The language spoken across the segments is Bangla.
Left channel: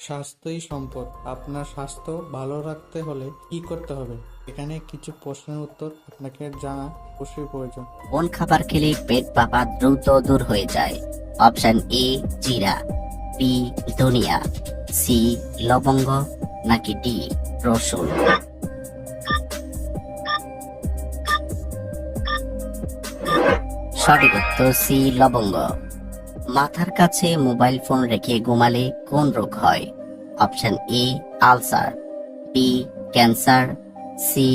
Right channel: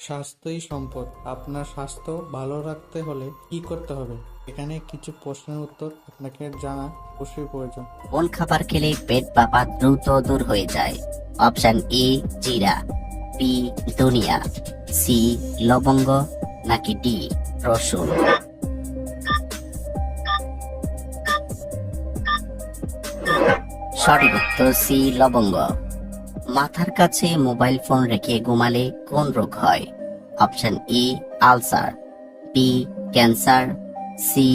স্বাস্থ্যই সম্পদ। আপনার স্বাস্থ্য ভালো রাখতে হলে কি করতে হবে? এখানে কিছু প্রশ্নের উত্তর আপনাকে জানা অবশ্যই প্রয়োজন। কোন খাবার খেলে পেট ফাঁপা দ্রুত দূর হয়ে যায়? অপশন এ জিরা, বি ধনিয়া, সি লবঙ্গ, নাকি ডি রসুন? সঠিক উত্তর সি লবঙ্গ। মাথার কাছে মোবাইল ফোন রেখে ঘুমালে কোন রোগ হয়? Option A ulcer, B cancer, C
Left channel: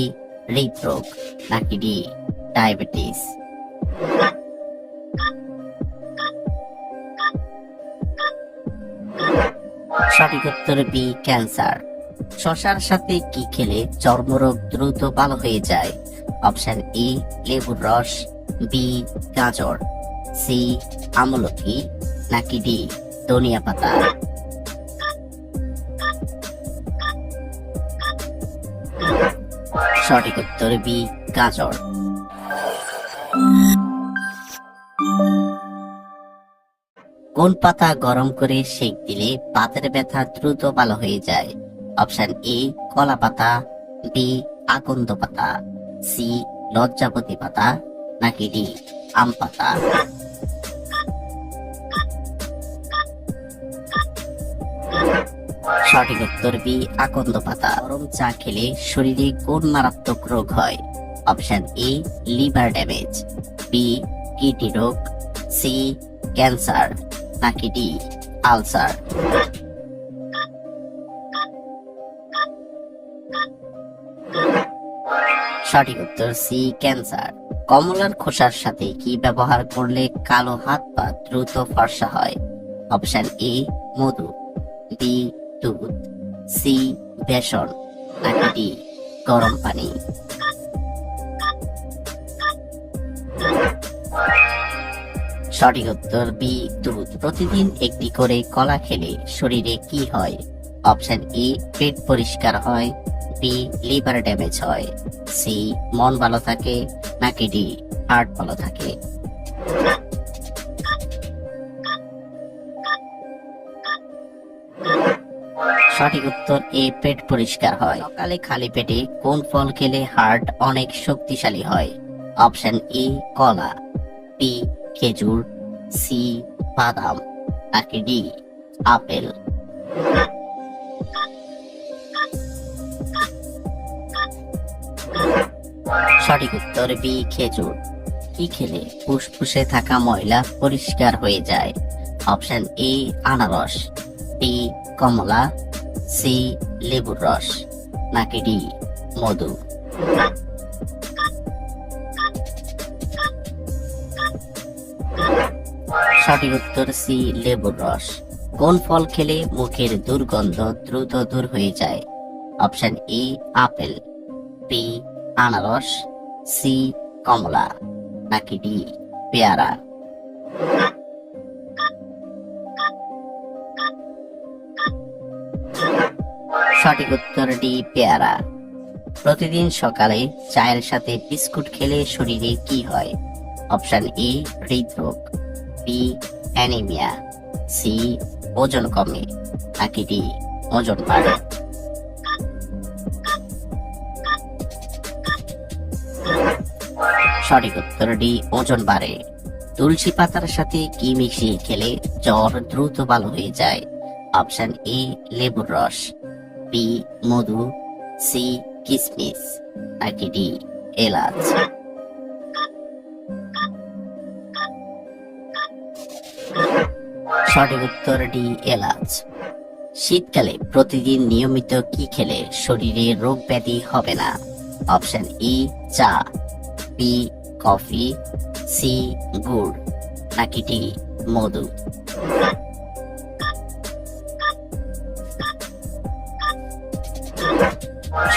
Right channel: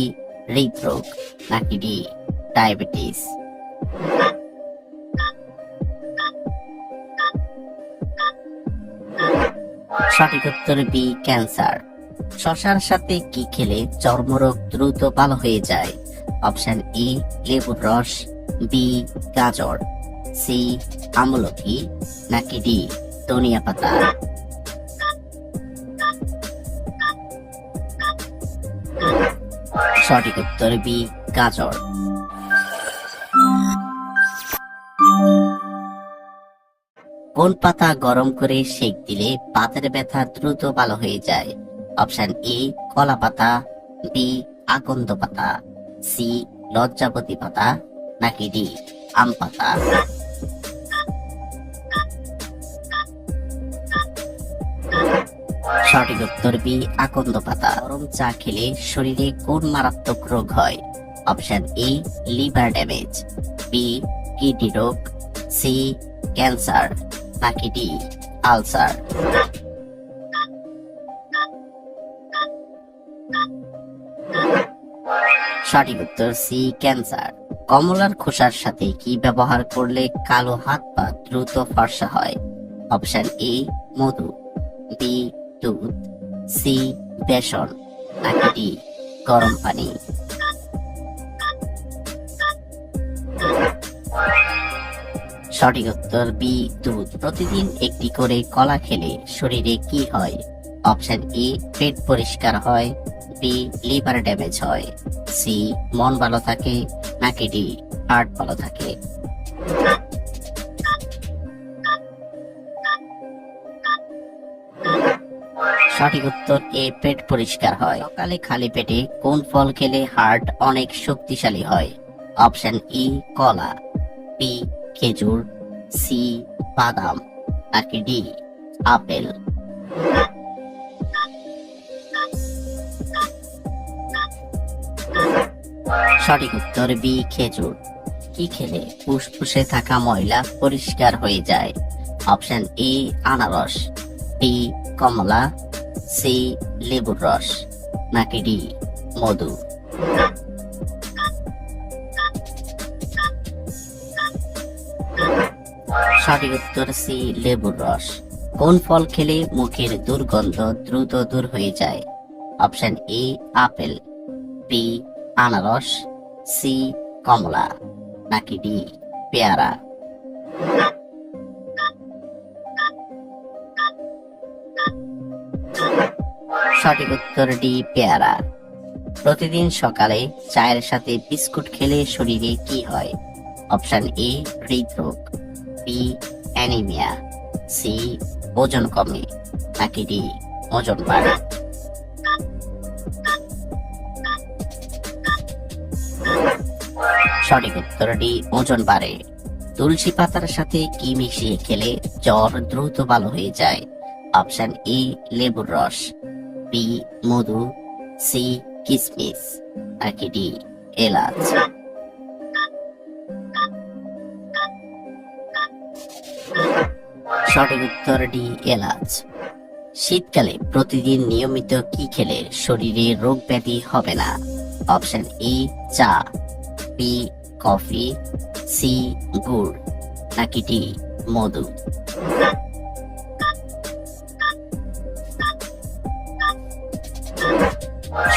হৃদরোগ, নাকি ডি ডায়াবেটিস? সঠিক উত্তর বি ক্যান্সার। শশার সাথে কি খেলে চর্মরোগ দ্রুত ভালো হয়ে যায়? অপশন এ লেবুর রস, বি গাজর, সি আমলকি, নাকি ডি ধনিয়া পাতা? সঠিক উত্তর বি গাজর। কোন পাতা গরম করে সেক দিলে পাতের ব্যথা দ্রুত ভালো হয়ে যায়? অপশন এ কলা পাতা, বি আকন্দ পাতা, সি লজ্জাপতি পাতা, নাকি ডি আম পাতা? সঠিক উত্তর বি আকন্দ পাতা। গরম চা খেলে শরীরে কোন মারাত্মক রোগ হয়? Option A liver damage, B kidney রোগ, সি ক্যান্সার, নাকি ডি আলসার? সঠিক উত্তর সি ক্যান্সার। কমলার খোসার সাথে কি ব্যবহার করলে কালো হাত পা দ্রুত ফর্সা হয়? অপশন এ মধু, বি দুধ, সি বেসন, নাকি ডি গরম পানি? সঠিক উত্তর বি দুধ। প্রতিদিন একটি করে কলা খেলে শরীরে কি হয়? অপশন এ পেট পরিষ্কার হয়, বি লিভার ড্যামেজ হয়, সি মন ভালো থাকে, নাকি ডি হার্ট ভালো থাকে? সঠিক উত্তর এ পেট পরিষ্কার হয়। সকালে খালি পেটে কোন ফল খেলে হার্ট অনেক শক্তিশালী হয়? অপশন ই কলা, বি খেজুর, সি বাদাম, নাকি ডি আপেল? সঠিক উত্তর বি খেজুর। কি খেলে ফুসফুসে থাকা ময়লা পরিষ্কার হয়ে যায়? অপশন ই আনারস, বি কমলা, সি লেবুর রস, নাকি ডি মধু? সঠিক উত্তর সি লেবুর রস। কোন ফল খেলে মুখের দুর্গন্ধ দ্রুত দূর হয়ে যায়? অপশন ই আপেল, বি আনারস, সি কমলা, নাকি ডি পেয়ারা? সঠিক উত্তর ডি পেয়ারা। প্রতিদিন সকালে চায়ের সাথে বিস্কুট খেলে শরীরে কি হয়? অপশন এ হৃদরোগ, বি অ্যানিমিয়া, সি ওজন কমে, নাকি ডি ওজন বাড়ে? সঠিক উত্তর ডি ওজন বাড়ে। তুলসী পাতার সাথে কি মিশিয়ে খেলে জ্বর দ্রুত ভালো হয়ে যায়? অপশন এ লেবুর রস, বি মধু, সি কিসমিস, নাকি ডি এলাচ? সঠিক উত্তর ডি এলাচ। শীতকালে প্রতিদিন নিয়মিত কি খেলে শরীরে রোগ ব্যাধি হবে না? অপশন ই চা, বি কফি, সি গুড়, নাকি ডি মধু?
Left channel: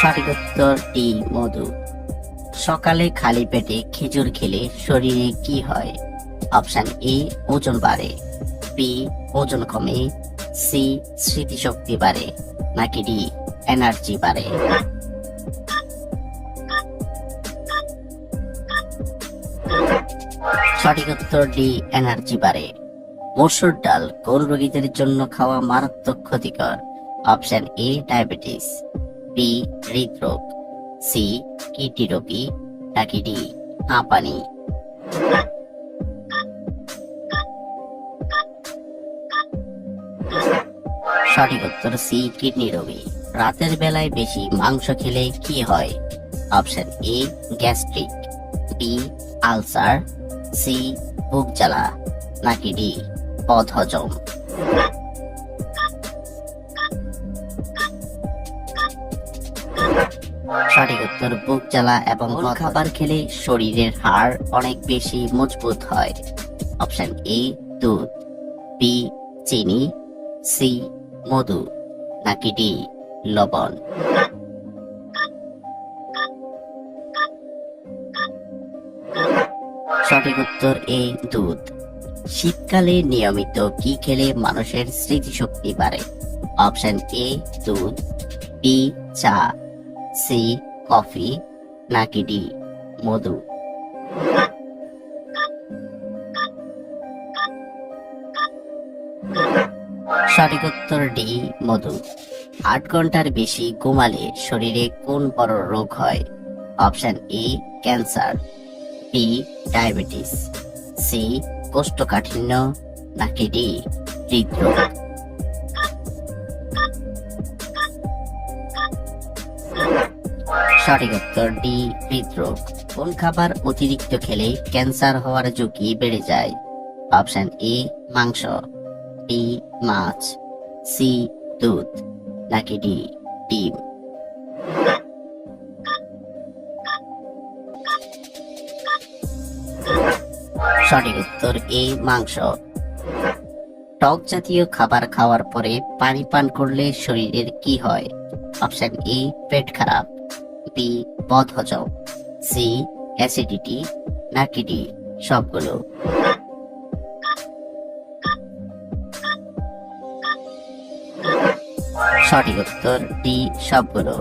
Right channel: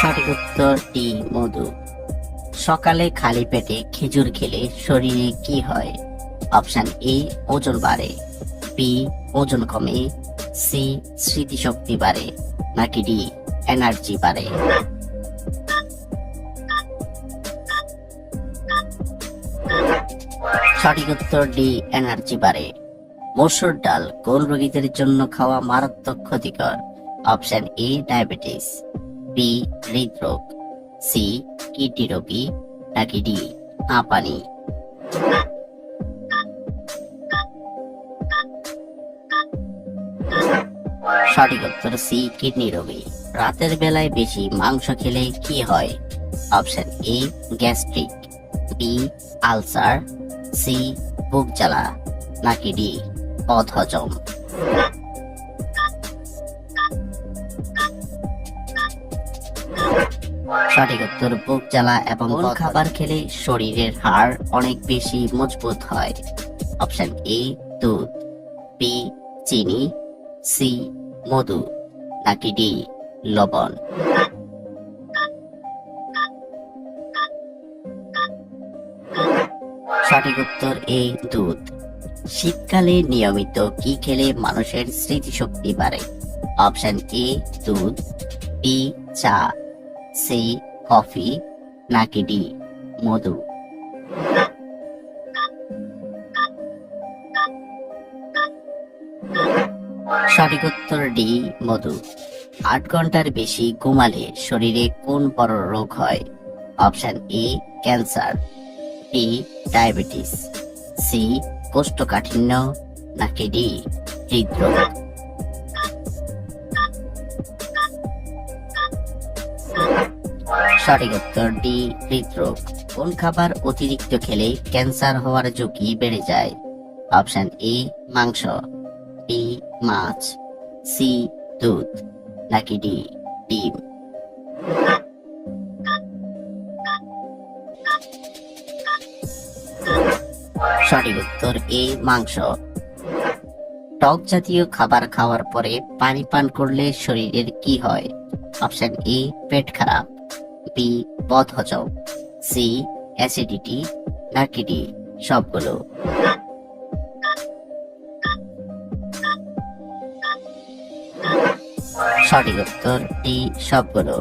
সঠিক উত্তর ডি মধু। সকালে খালি পেটে খেজুর খেলে শরীরে কি হয়? অপশন এ ওজন বাড়ে, বি ওজন কমে, সি স্মৃতিশক্তি বাড়ে, নাকি ডি এনার্জি বাড়ে? সঠিক উত্তর ডি এনার্জি বাড়ে। মসুর ডাল কোন রোগীদের জন্য খাওয়া মারাত্মক ক্ষতিকর? অপশন এ ডায়াবেটিস, বি হৃদরোগ, সি কিডনি রোগী, নাকি ডি হাঁপানি। সঠিক উত্তর সি কিডনি রোগী। রাতের বেলায় বেশি মাংস খেলে কি হয়? Option A gastric, B ulcer, C বুক জ্বালা, নাকি ডি বদহজম। সঠিক উত্তর বুক জ্বালা এবং কোন খাবার খেলে শরীরের হাড় অনেক বেশি মজবুত হয়? অপশন এ দুধ, বি চিনি, সি মধু, নাকি ডি লবণ। সঠিক উত্তর এ দুধ। শীতকালে নিয়মিত কি খেলে মানুষের স্মৃতিশক্তি বাড়ে? অপশন এ দুধ, বি চা, সি কফি, নাকি ডি মধু। সঠিক উত্তর ডি মধু। 8 ঘন্টার বেশি ঘুমালে শরীরে কোন বড় রোগ হয়? Option A cancer, B diabetes, C কোষ্ঠকাঠিন্য, নাকি ডি হৃদরোগ। সঠিক উত্তর ডি হৃদরোগ। কোন খাবার অতিরিক্ত খেলে ক্যান্সার হওয়ার ঝুঁকি বেড়ে যায়? অপশন এ মাংস, বি মাছ, সি দুধ, নাকি ডি ডিম। সঠিক উত্তর এ মাংস। টক জাতীয় খাবার খাওয়ার পরে পানি পান করলে শরীরের কি হয়? অপশন এ পেট খারাপ, বি বদহজম, সি অ্যাসিডিটি, নাকি ডি সবগুলো। সঠিক উত্তর ডি সবগুলো।